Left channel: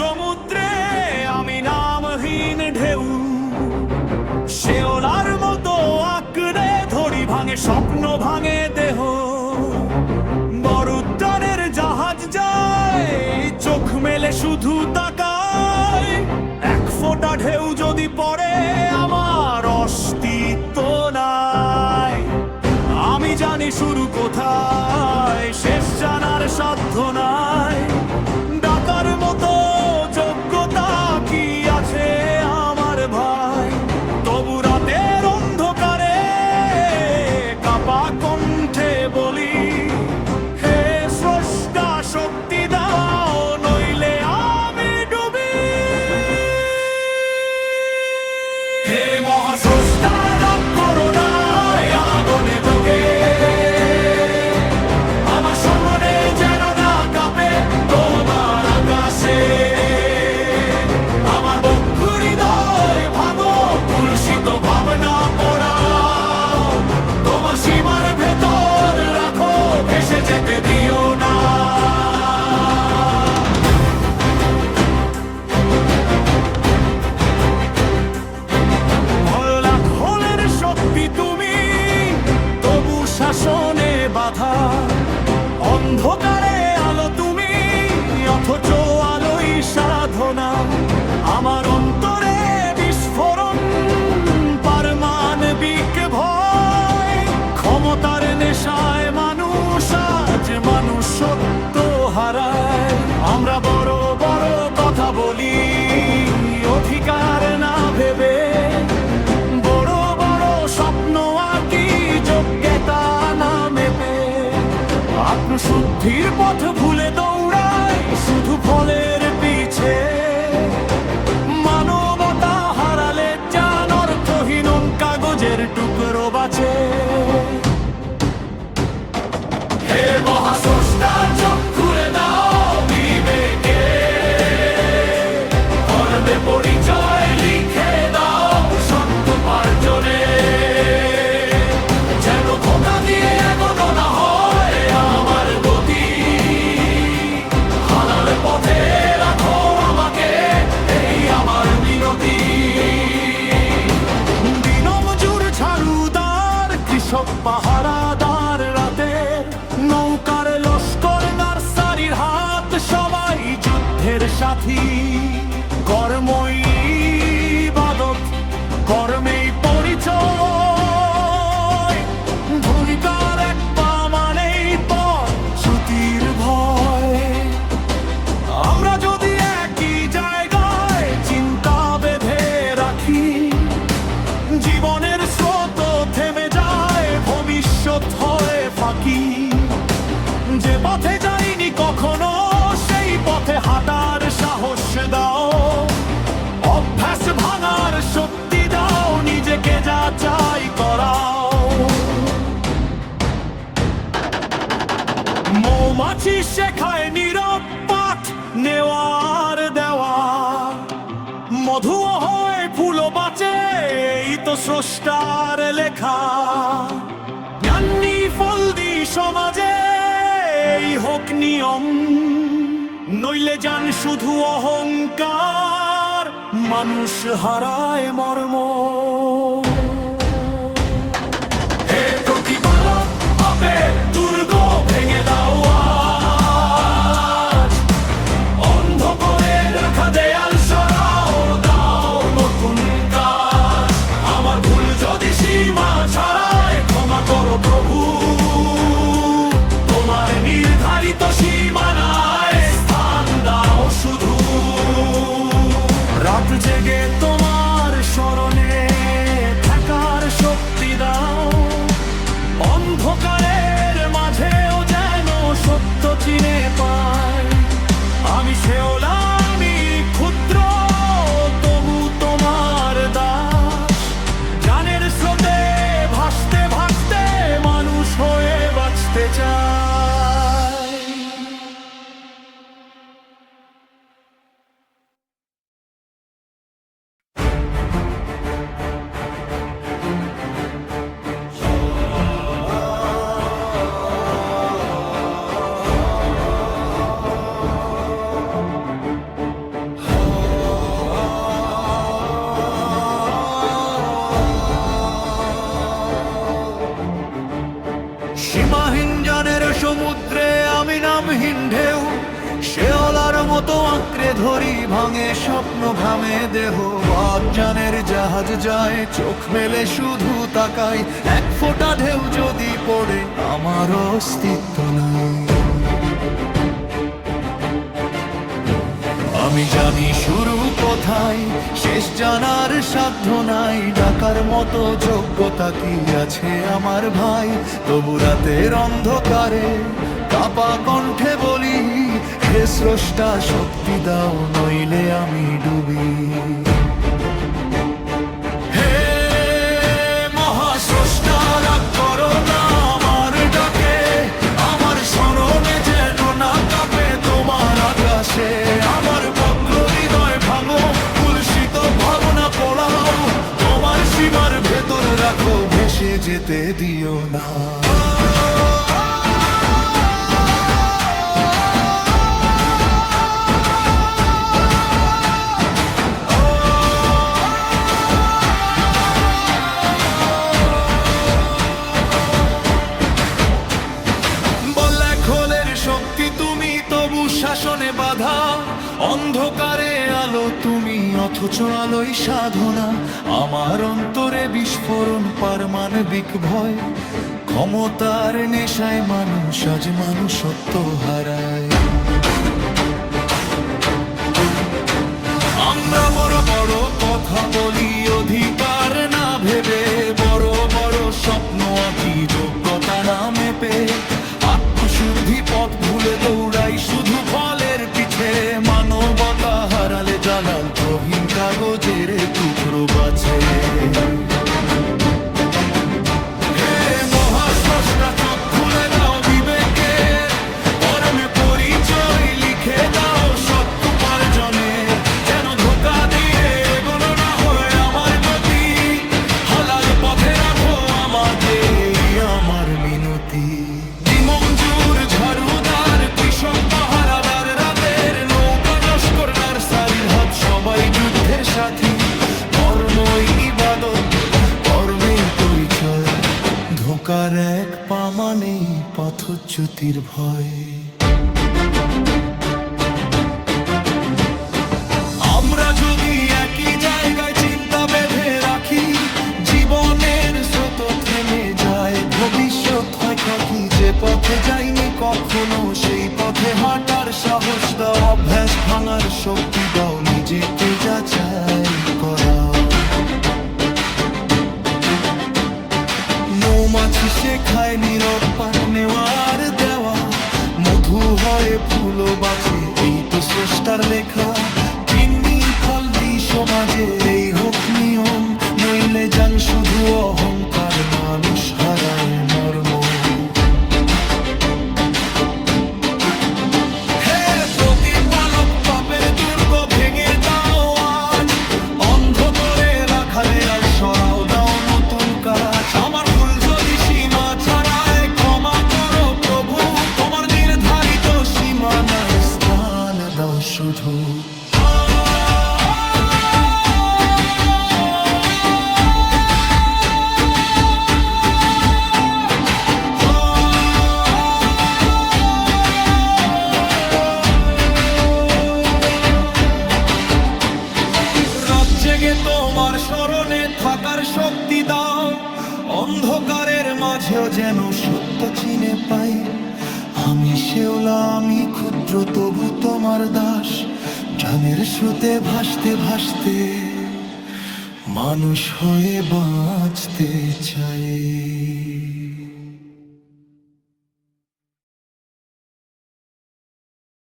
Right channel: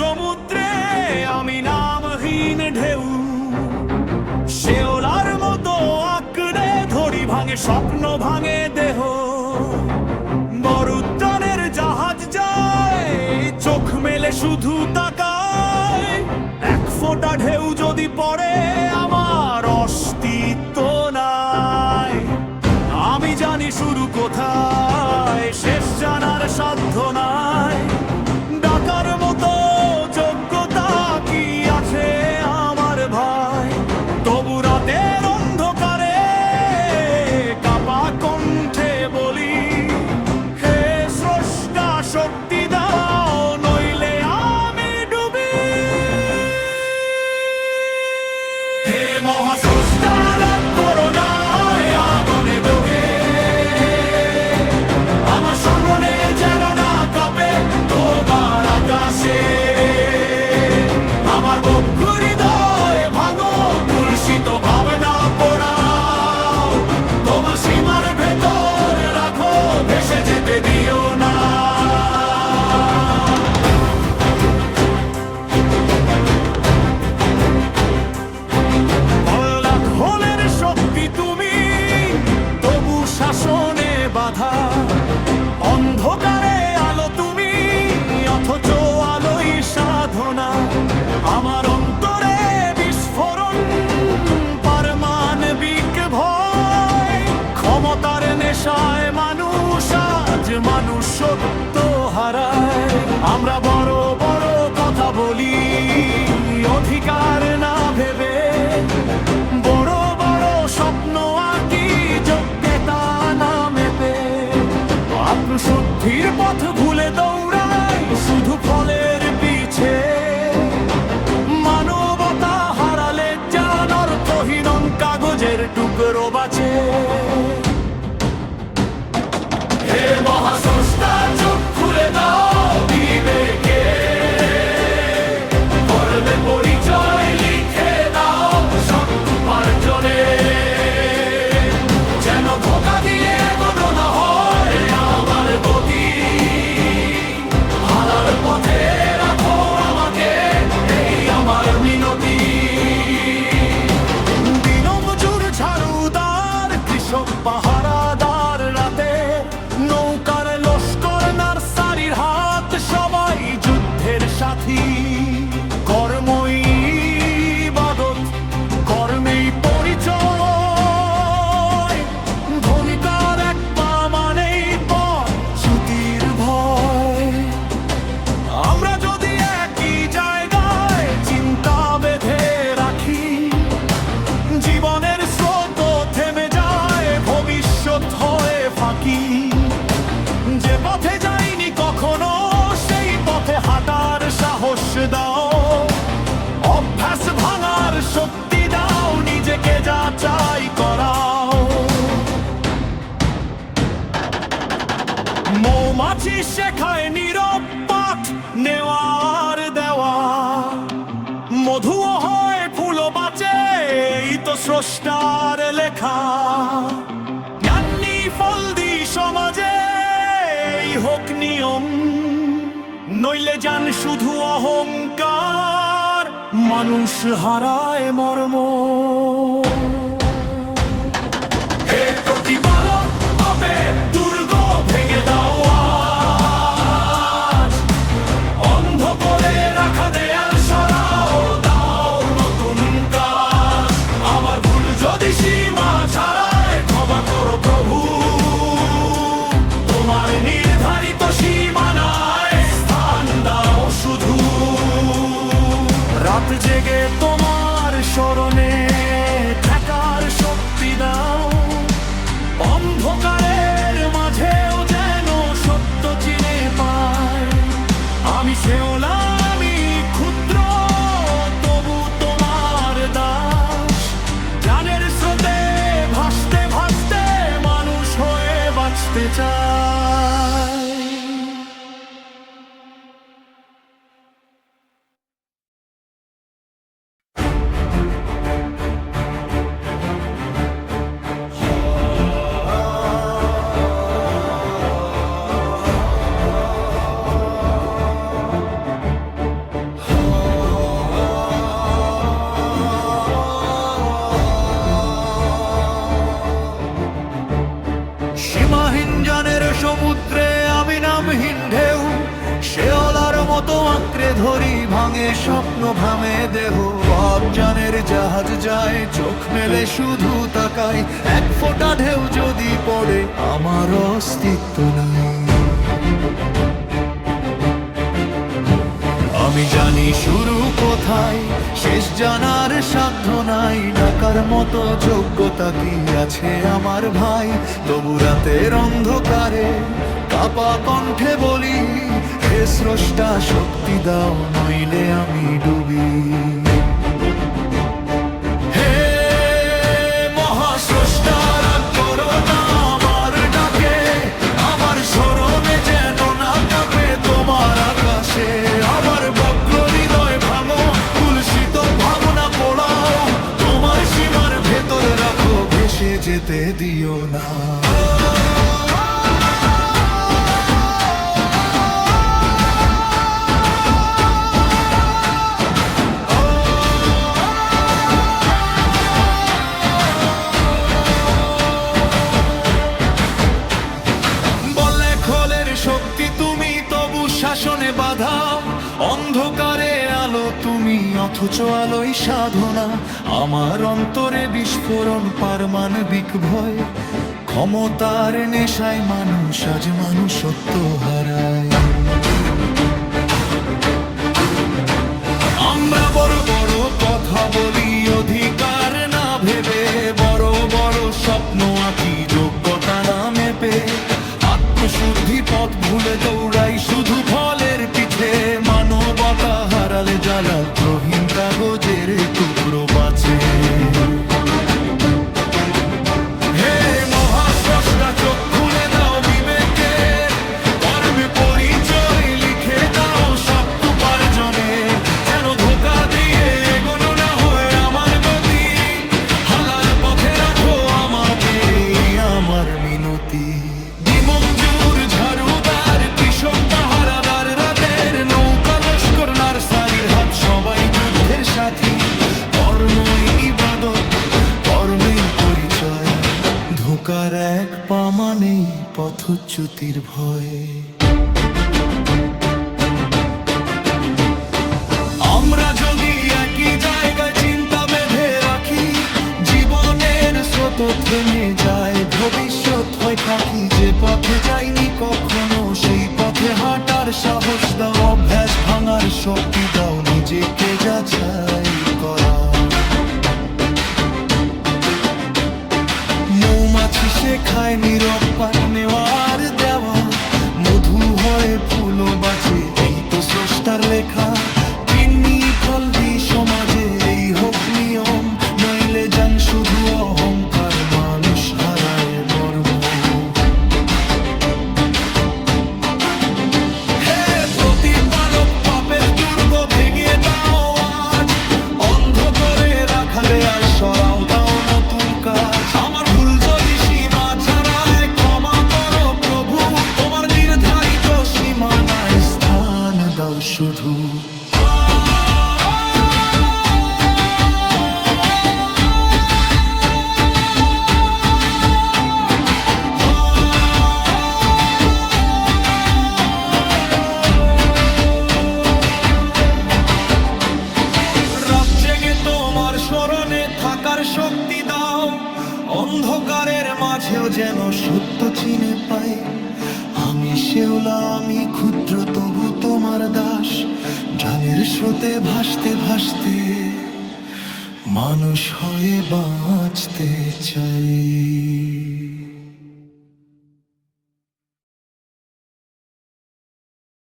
সমুদ্রে আমি নামহীন ঢেউ। শেওলার মতো আঁকড়ে ধরি ভাঙে, স্বপ্ন ভাঙে দেহ। বরুদ্দানের জাহাজ যায়, চোখ মেলে শুধু তাকায়। এক ফোঁটা ঢেউ যদি পড়ে, আমার অস্তিত্ব নাই। আমি জানি শুরু কোথায়, শেষ জানার সাধ্য নাই। কুলসিত ভাবনা পোড়াও। তোমার সীমার ভেতর রাখো, ভেসে যেতে দিও না। লাখ হলের শক্তি তুমি তবু শাসনে বাধা। অন্ধকারে আলো তুমি অথচ আলোই সাধনা। আমার অন্তরে পারমাণবিক ভয়, ক্ষমতার নেশায় মানুষ আজ মানুষ সত্য হারায়। আমরা বড় বড় কথা বলি, অধিকার না ভেবে। বড় বড় স্বপ্ন আঁকি যোগ্যতা না মেপে। আত্মশুদ্ধির পথ ভুলে দৌড়াই টুকরো বাঁচে কৃষক পাহারাদার রাতে নৌকার লস্কর নার্সারির হাত সবাই যুদ্ধের সাথী। কর্মই বাদত কর্মেই পরিচয়। যে পথে যাইনি কখনো, সেই পথে হাঁটার সাহস দাও। অভ্যাস ভাঙার শক্তি দাও, নিজেকে যা চাই করাও। মৌমাছি শেখায় নীরব পাঠ নেওয়ার দেওয়া। মধুও হয়, ফুলও বাঁচে, এই তো স্রষ্টার লেখা। জ্ঞানী ফল হোক নিয়ম নইলে যান শুধু অহংকার মানুষ হারায় মর্ম। জেগে তোমার স্মরণে থাকার শক্তি দাও। সমুদ্রে আমি নামহীন ঢেউ, শেওলার মতো আঁকড়ে ধরি ভাঙে স্বপ্ন ভামে দেহ। জানের জাহাজ যায়, চোখ মেলে শুধু তাকাই, এক ফোঁটা ঢেউ যদি পড়ে, আমার অস্তিত্ব নাই। আমি জানি শুরু কোথায়, শেষ জানার সাধ্য নাই, ডাকার মতো যোগ্যতা কি আছে আমার ভাই? তবু রাতের অন্ধকারে কাপা কণ্ঠে বলি, হে স্রষ্টা, শক্তি দাও, নইলে আমি ডুবি। ভেসে যেতে দিও না। শাসনে বাধা, অন্ধকারে আলো, তুমি অথচ আলোই সাধনা। আমার অন্তরে বিস্ফোরণ, পারমাণবিক ভয়। ক্ষমতার নেশায় মানুষ আজ মানুষত্ব হারায়। আমরা বড় বড় কথা বলি, অধিকার না ভেবে। বড় বড় স্বপ্ন আঁকি, যোগ্যতা না মেপে। আত্মশুদ্ধি পথ ভুলে দৌড়াই শুধু ফলের পিঠে। মানবতা হারালে জ্বালাল প্রহীন কাগজের টুকরো বাঁচে। মিনতি দিমঞ্জুর ঝাড়ুদার, কৃষক পাহারাদার, রাতের নৌকা লস্কর, নার্সারির হাত, সবাই যুদ্ধের সাথী। কর্মই ইবাদত, কর্মের পরিচয়। ধোকার এক পামানেই পথচ্যুতির ভয়। আমরা যদি একই জায়গায় চিন্তা বেঁধে রাখি জীবনের স্রোত থেমে যায়, ভবিষ্যৎ হয় থাকি যে পথে যাইনি কখনো, সেই পথে হাঁটার সাহস দাও, অভ্যাস ভাঙার শক্তি দাও, নিজেকে যাচাই করাও মৌমাছি শেখায় নীরব পাট নেওয়ার দেওয়া, মধু হয় ফুলও বাঁচে, এই তো স্রষ্টার লেখা কিন্নি ফল দি সমাজের এই হোক নিয়ম, নইলে যান শুধু অহংকার, মানুষ হারায় মর্ম। ভেঙে দাও আজ। অন্ধ করে রাখা দেয়াল, সরাও দাও নতুন কাজ। আমার ভুল যদি সীমা ছাড়ায়, ক্ষমা করো প্রভু। তোমার নির্ধারিত সীমানায় স্থান দাও শুধু। থাকার শক্তি দাও। অন্ধকারের মাঝেও যেন সত্য চিনে পাই। আমি শেওলা, আমি ক্ষুদ্র, তবু তোমার দাস। জানের স্রোতে ভাসতে ভাসতে মানুষ হয়ে বাঁচতে চাই।